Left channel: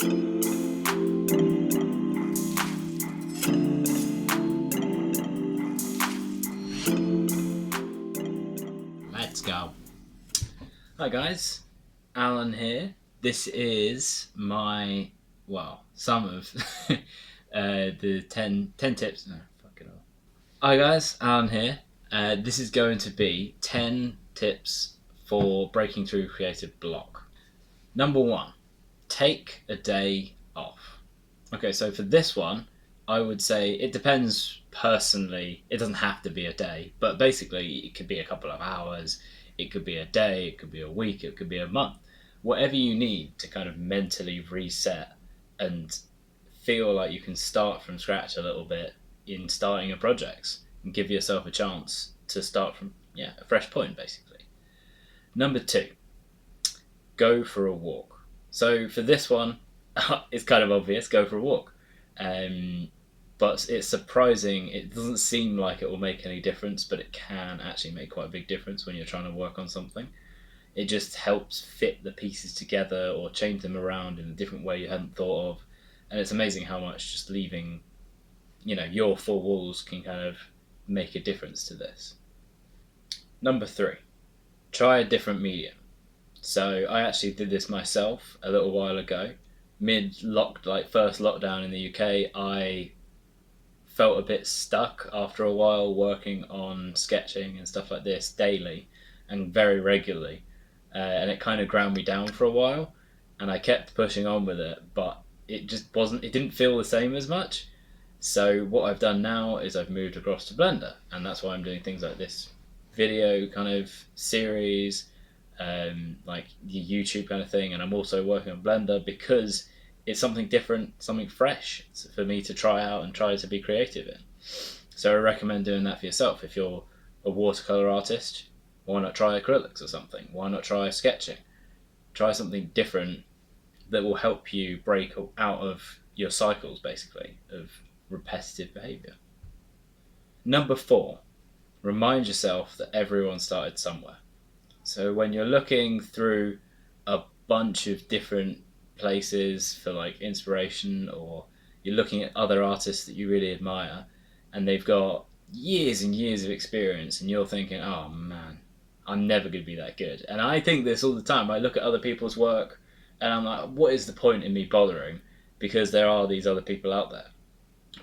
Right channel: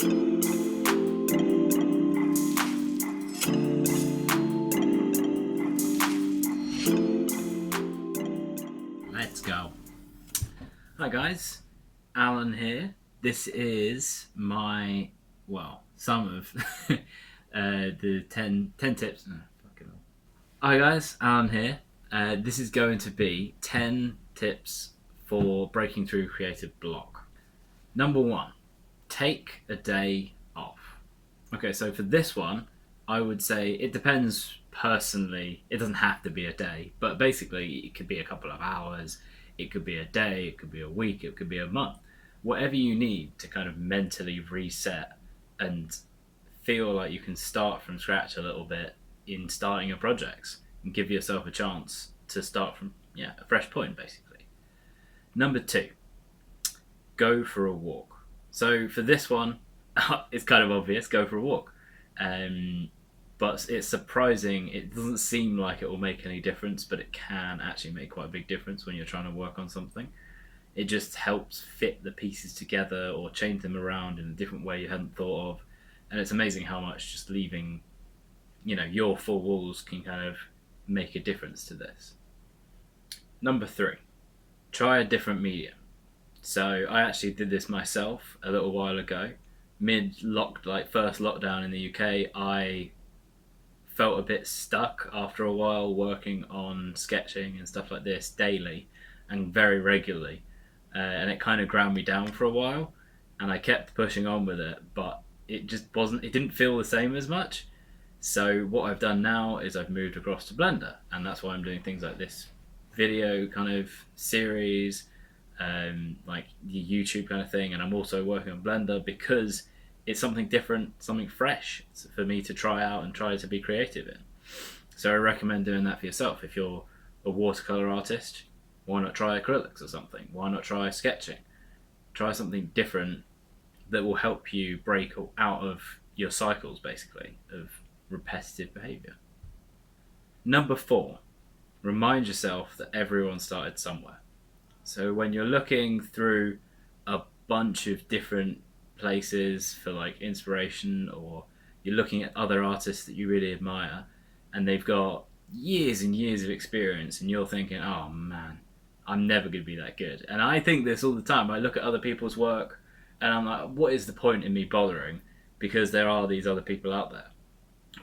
Let's go. Hi guys, Alan here. This is my, some of the 10 tips. No, fuck it all. Hi guys, Alan here. This is going to be 10 tips for breaking through creative block. Number 1, take a day off. Okay, so for this one, I would say it depends personally. It doesn't have to be a day, but basically it could be a couple of hours, it could be a day, it could be a week, it could be a month. Whatever you need to kind of mentally reset and feel like you can start from scratch a little bit in starting your projects and give yourself a chance to start from a fresh point basically. Number 2, go for a walk. So for this one, it's kind of obvious, go for a walk. But it's surprising. It doesn't seem like it will make any difference, but it can actually make quite a big difference when you're trying to work on something. It just helps fit the pieces together or change them around in a different way you hadn't thought of. And it's amazing how much just leaving, your four walls can kind of make a difference to this. Number 3, try a different medium. So I actually did this myself a little while ago. First lockdown in the UK, I felt a bit stuck after a while working on sketching and stuff like this daily and very regularly. And it kind of ground me down for a while, and I kept pushing on with it, but it didn't feel the same as much. So what I've done now is I've moved across to Blender, and that's why I'm doing things like this video kind of series, like the YouTube kind of thing, and I'm also working on Blender because it's something different, something fresh for me to try out and try to be creative in. So I recommend doing that for yourself. If you're a watercolor artist, why not try acrylics or something? Why not try sketching? Try something different that will help you break out of your cycles, basically, of repetitive behavior. Number 4, remind yourself that everyone started somewhere. So when you're looking through a bunch of different places for like inspiration, or you're looking at other artists that you really admire and they've got years and years of experience, and you're thinking, oh man, I'm never going to be that good. And I think this all the time. I look at other people's work and I'm like, what is the point in me bothering? Because there are these other people out there.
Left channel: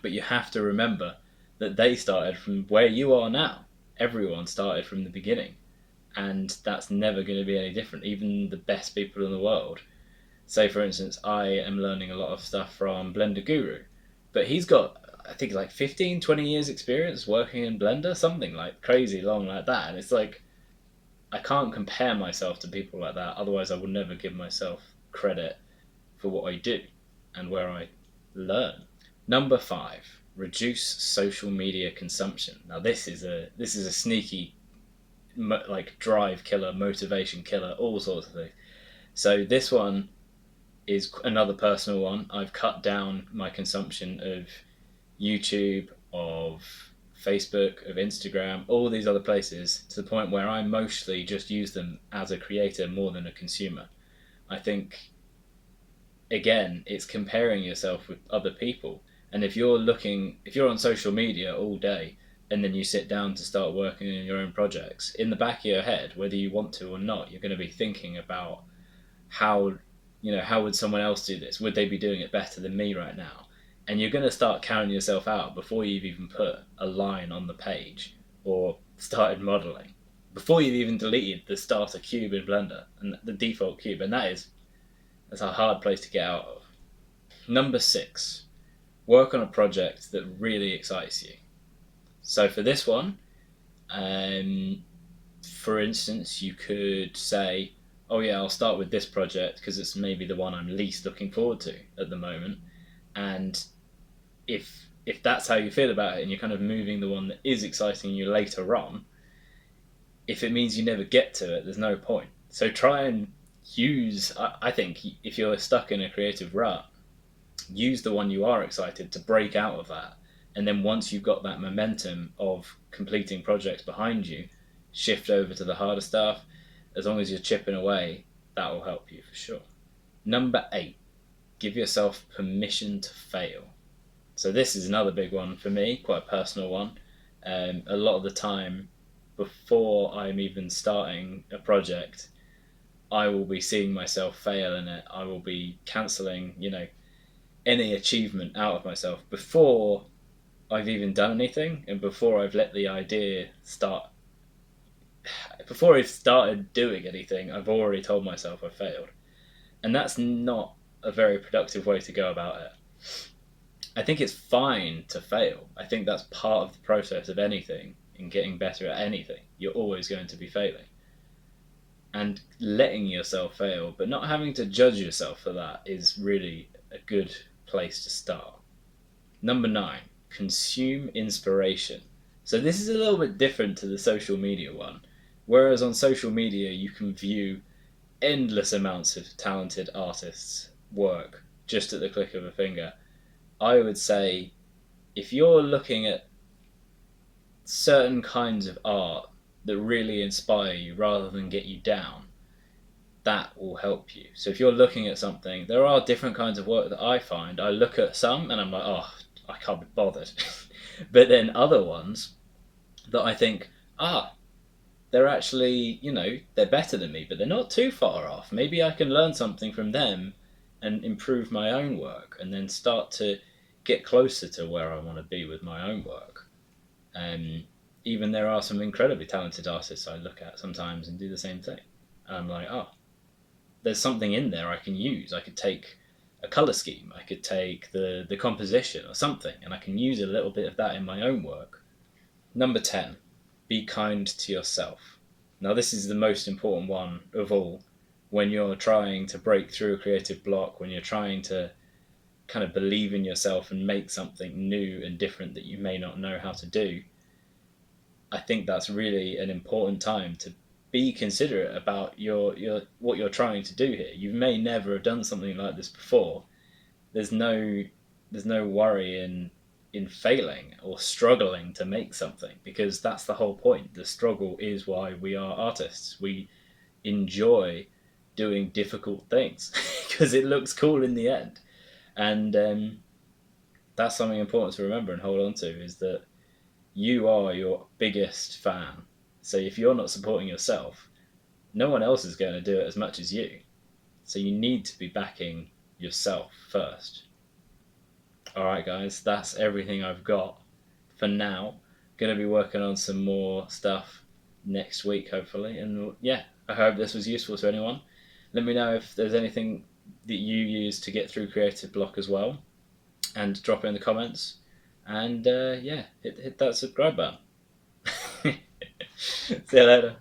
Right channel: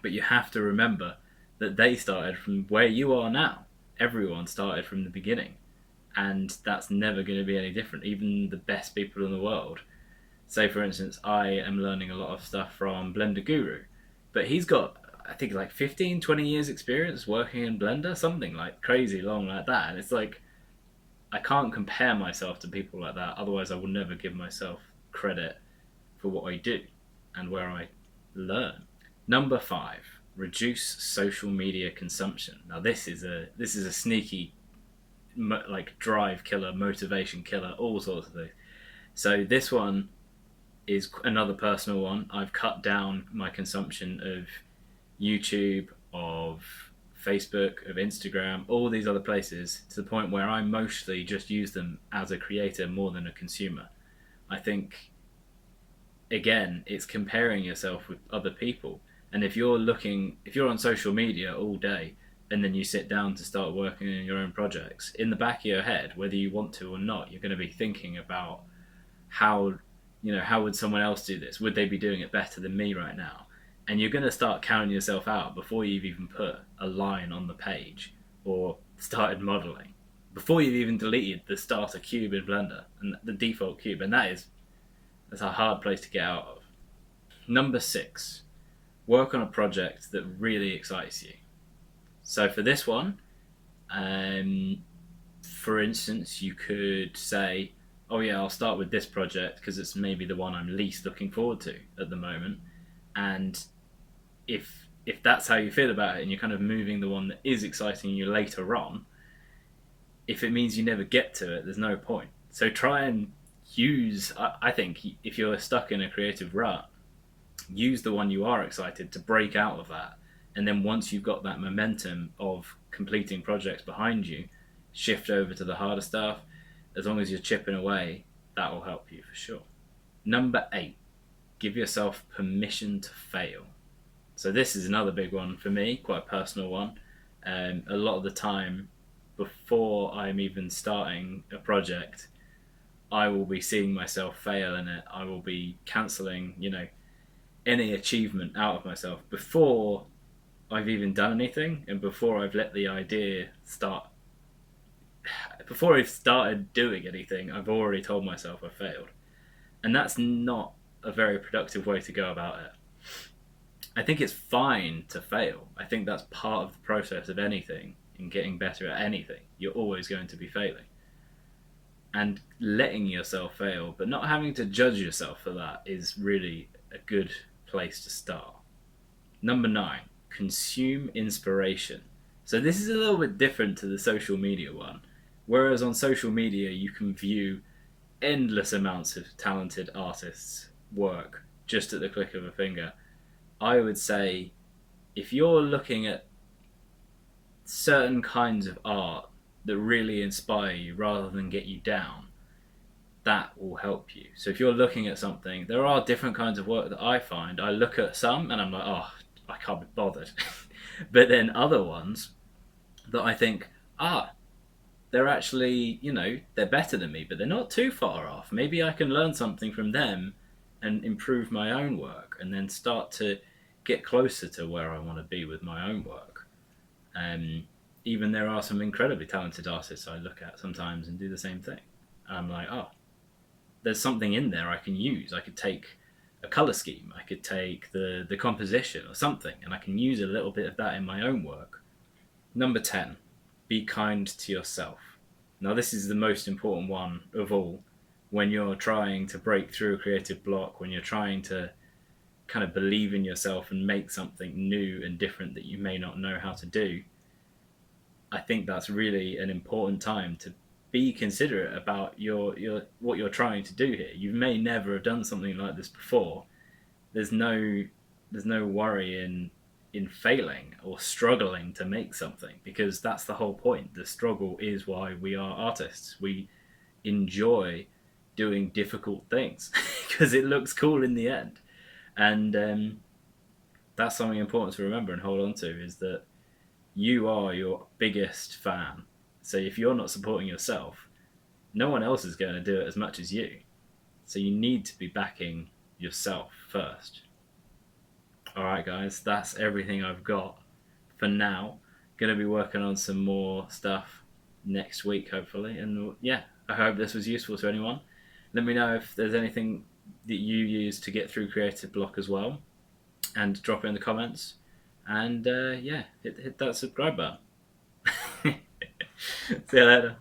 But you have to remember that they started from where you are now. Everyone started from the beginning, and that's never going to be any different. Even the best people in the world. Say for instance, I am learning a lot of stuff from Blender Guru, but he's got, I think, like 15, 20 years experience working in Blender, something like crazy long like that. And it's like, I can't compare myself to people like that, otherwise I would never give myself credit for what I do and where I learn. Number 5, reduce social media consumption. Now this is a sneaky drive killer, motivation killer, all sorts of things. So this one is another personal one. I've cut down my consumption of YouTube, of Facebook, of Instagram, all these other places, to the point where I mostly just use them as a creator more than a consumer. I think, again, it's comparing yourself with other people. And if you're on social media all day and then you sit down to start working on your own projects, in the back of your head, whether you want to or not, you're going to be thinking about how would someone else do this? Would they be doing it better than me right now? And you're going to start counting yourself out before you've even put a line on the page or started modeling, before you've even deleted the starter cube in Blender and the default cube. And that's a hard place to get out of. Number 6, work on a project that really excites you. So for this one, for instance, you could say, oh yeah, I'll start with this project because it's maybe the one I'm least looking forward to at the moment. And if that's how you feel about it, and you're kind of moving the one that is exciting you later on, if it means you never get to it, there's no point. So try and use, I think, if you're stuck in a creative rut, use the one you are excited to break out of that. And then once you've got that momentum of completing projects behind you, shift over to the harder stuff. As long as you're chipping away, that will help you for sure. Number 8, give yourself permission to fail. So this is another big one for me, quite a personal one. A lot of the time, before I'm even starting a project, I will be seeing myself fail in it. I will be cancelling, any achievement out of myself before I've even done anything, and before I've let the idea start. Before I've started doing anything, I've already told myself I've failed, and that's not a very productive way to go about it. I think it's fine to fail. I think that's part of the process of anything, in getting better at anything. You're always going to be failing. And letting yourself fail, but not having to judge yourself for that, is really a good place to start. Number 9, consume inspiration. So this is a little bit different to the social media one. Whereas on social media, you can view endless amounts of talented artists' work just at the click of a finger. I would say if you're looking at certain kinds of art that really inspire you rather than get you down, that will help you. So if you're looking at something, there are different kinds of work that I find. I look at some and I'm like, oh, I can't be bothered. But then other ones that I think, they're actually, they're better than me, but they're not too far off. Maybe I can learn something from them and improve my own work, and then start to get closer to where I want to be with my own work. Even there are some incredibly talented artists I look at sometimes and do the same thing. And I'm like, there's something in there I can use. I could take a colour scheme, I could take the composition or something, and I can use a little bit of that in my own work. Number 10, be kind to yourself. Now this is the most important one of all. When you're trying to break through a creative block, when you're trying to kind of believe in yourself and make something new and different that you may not know how to do, I think that's really an important time to be considerate about your what you're trying to do here. You may never have done something like this before. There's no worry in failing or struggling to make something, because that's the whole point. The struggle is why we are artists. We enjoy doing difficult things because it looks cool in the end. And that's something important to remember and hold on to, is that you are your biggest fan. So if you're not supporting yourself, no one else is going to do it as much as you. So you need to be backing yourself first. Alright guys, that's everything I've got for now. Going to be working on some more stuff next week, hopefully. And yeah, I hope this was useful to anyone. Let me know if there's anything that you use to get through creative block as well, and drop it in the comments. And hit that subscribe button. See you later.